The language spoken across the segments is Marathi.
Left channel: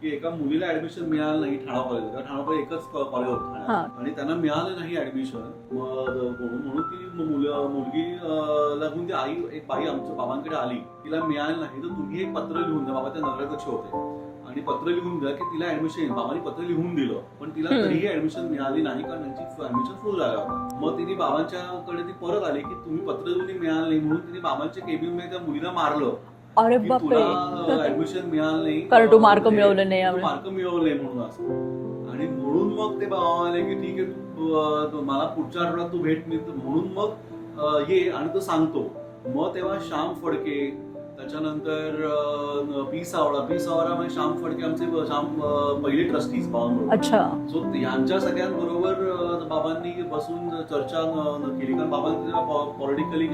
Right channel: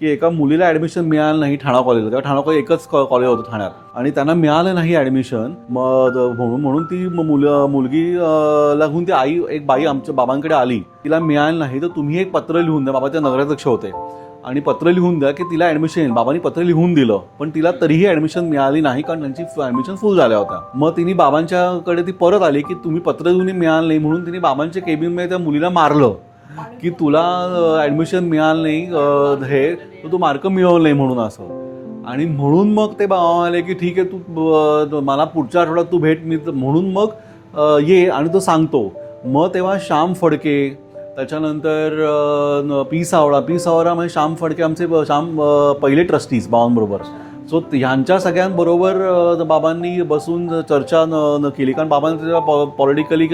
की एका मुलीला ऍडमिशन मिळालं नाही ठाणा कॉलेजला. तेव्हा ठाणा कॉलेज एकच कॉलेज होतं ठाण्यात आणि त्यांना मिळालं नाही ऍडमिशन. मग म्हणून ती मुलगी ला घेऊन ती एक बाई आमच्या बाबांकडे आली. तिला मिळालं नाही तर तुम्ही एक पत्र लिहून द्या. बाबाच्या नगराध्यक्ष होते आणि पत्र लिहून द्या की तिला ऍडमिशन येईल. बाबांनी पत्र लिहून दिलं पण तिला तरीही ऍडमिशन मिळाली नाही कारण त्यांची ऍडमिशन फुल झाल्या होत्या. मग तिने बाबांच्याकडे ती परत आली की तुम्ही पत्र लिहून मिळालं नाही म्हणून तिने बाबांच्या केबिनमध्ये त्या मुलीला मारलं की तुला ऍडमिशन मिळालं नाही, तू मार्क मिळवलं नाही म्हणून असं. आणि म्हणून मग ते बाबा म्हणाले की ठीक आहे तू मला पुढच्या आठवड्यात तू भेट मी म्हणून मग ये आणि तो सांगतो. मग तेव्हा श्याम फडके त्याच्यानंतर पी सावरा म्हणजे श्याम फडके आमचे पहिले ट्रस्टीज बाबांबरोबर. सो ह्यांच्या सगळ्यांबरोबर बाबांनी बसून चर्चा केली कारण बाबांचे पॉलिटिकली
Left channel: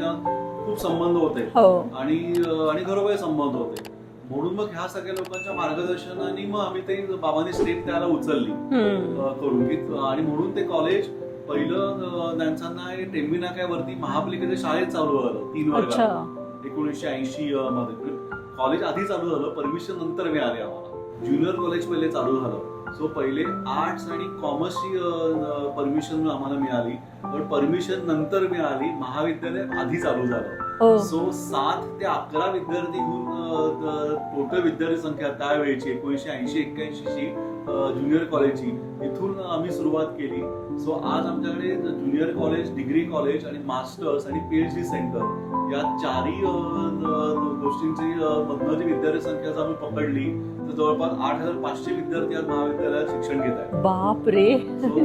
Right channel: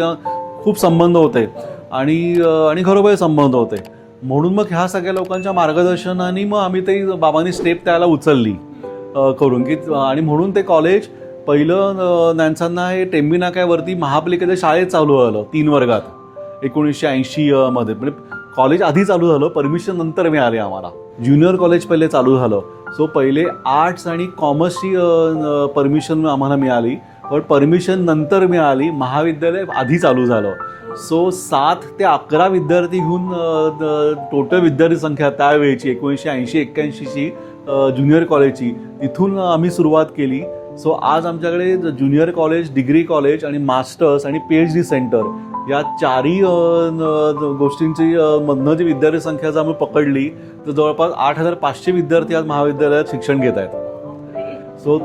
खूप संबंध होते आणि घरोघरी संबंध होते. म्हणून मग ह्या सगळ्या लोकांच्या मार्गदर्शनाने मग आम्ही ते बाबांनी स्टेप त्याला उचलली करून की आणि म्हणून ते कॉलेज पहिलं त्यांना हे टेंबी नाक्यावरती महापालिकेच्या शाळेत चालू झालं 3 वर्गात 1980 मध्ये. म्हणजे कॉलेज आधी चालू झालं, परमिशन नंतर मिळाले आम्हाला. ज्युनियर कॉलेज पहिले चालू झालं. सो पहिले आर्ट्स आणि कॉमर्सची परमिशन आम्हाला मिळाली पण परमिशन नंतर मिळाली. महाविद्यालय आधी चालू झालं. सो 7 ते 11 विद्यार्थी घेऊन टोटल विद्यार्थी संख्या त्यावेळेची 1980-81 ची ज्युनियर कॉलेजची तिथून आम्ही सुरुवात केली. सो आज आमच्याकडे ज्युनियर कॉलेज, डिग्री कॉलेज आणि मास्टर्स आणि PhD सेंटर या 4ही गोष्टींची मधनं जी विद्यार्थी संख्या जर आम्ही पकडली तर जवळपास 8,500 विद्यार्थी आज महाविद्यालयात शिक्षण घेत आहेत. बापरे. सो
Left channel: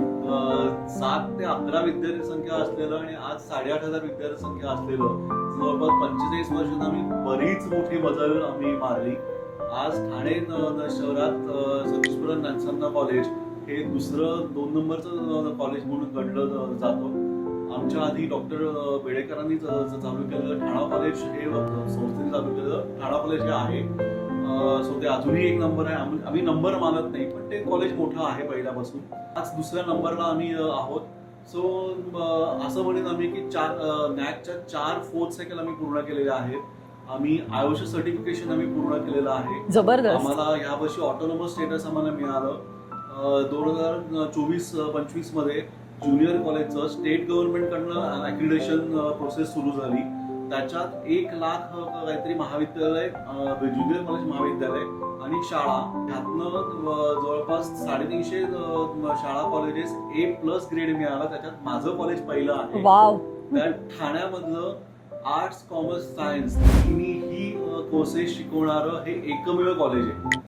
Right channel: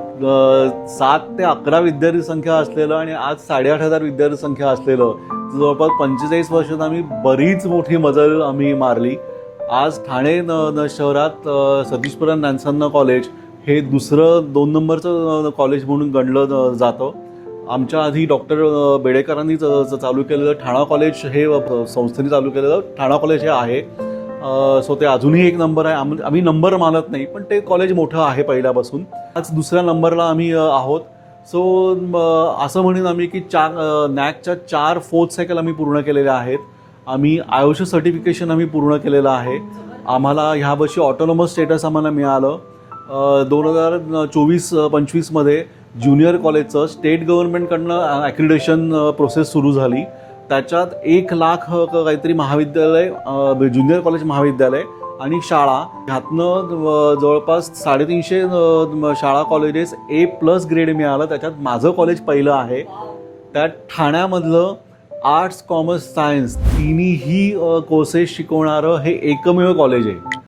7 ते 11 विद्यार्थी संख्या असलेलं आणि आज 8,500 विद्यार्थी संख्या असलेलं जवळपास 45 वर्षात आम्ही बरीच मोठी मजल आम्ही मारली. आज ठाणे शहरात सतीशपुरम नॅन्सन कॉलेज हे दुसरं 2 नंबरचं कॉलेज म्हणून गणलं जातं. आमच्या आधी डॉक्टर बेडेकरांनी चालू केलेलं ठाणा कॉलेज हे संस्थेने चालू केलेलं ठाणा कॉलेज हे आहे. सो ते अजूनही 1 नंबर आहे. आम्ही नंबर मानत नाही पण ते कॉलेज मोठं आहे पहिल्यापासून. आज 2ऱ्या नंबरला आम्ही आहोत. सो असं म्हणून आम्ही की नॅकच्या 4 4th सायकल आम्ही पूर्ण केलेल्या आहेत. आम्ही आयुष सर्टिफिकेशन आम्ही पूर्ण केलेलं आहे. आम्हाला ह्या वर्षी ऑटोनॉमस स्टेटस आम्हाला मिळालं. 2024-25 मध्ये ज्युनियर कॉलेजचं स्टेट गव्हर्नमेंटकडनं ॲक्रिडेशन प्रोसेस सुरू झाली. त्याच्यात 1 लाख काहीतरी महाविद्यालय, ज्युनियर कॉलेज महाविद्यालय आणि शाळा ह्यातनं जवळपास 350 शाळा कॉलेजेस A+ ग्रेड मिळालं. त्याच्यात माझं कॉलेज पहिलं आहे. त्यात ठाण्यामधलं आर्ट्स, कॉमर्स, सायन्स तिन्ही कोर्सेस शिकवणारं हे एकमेव कॉलेज आहे.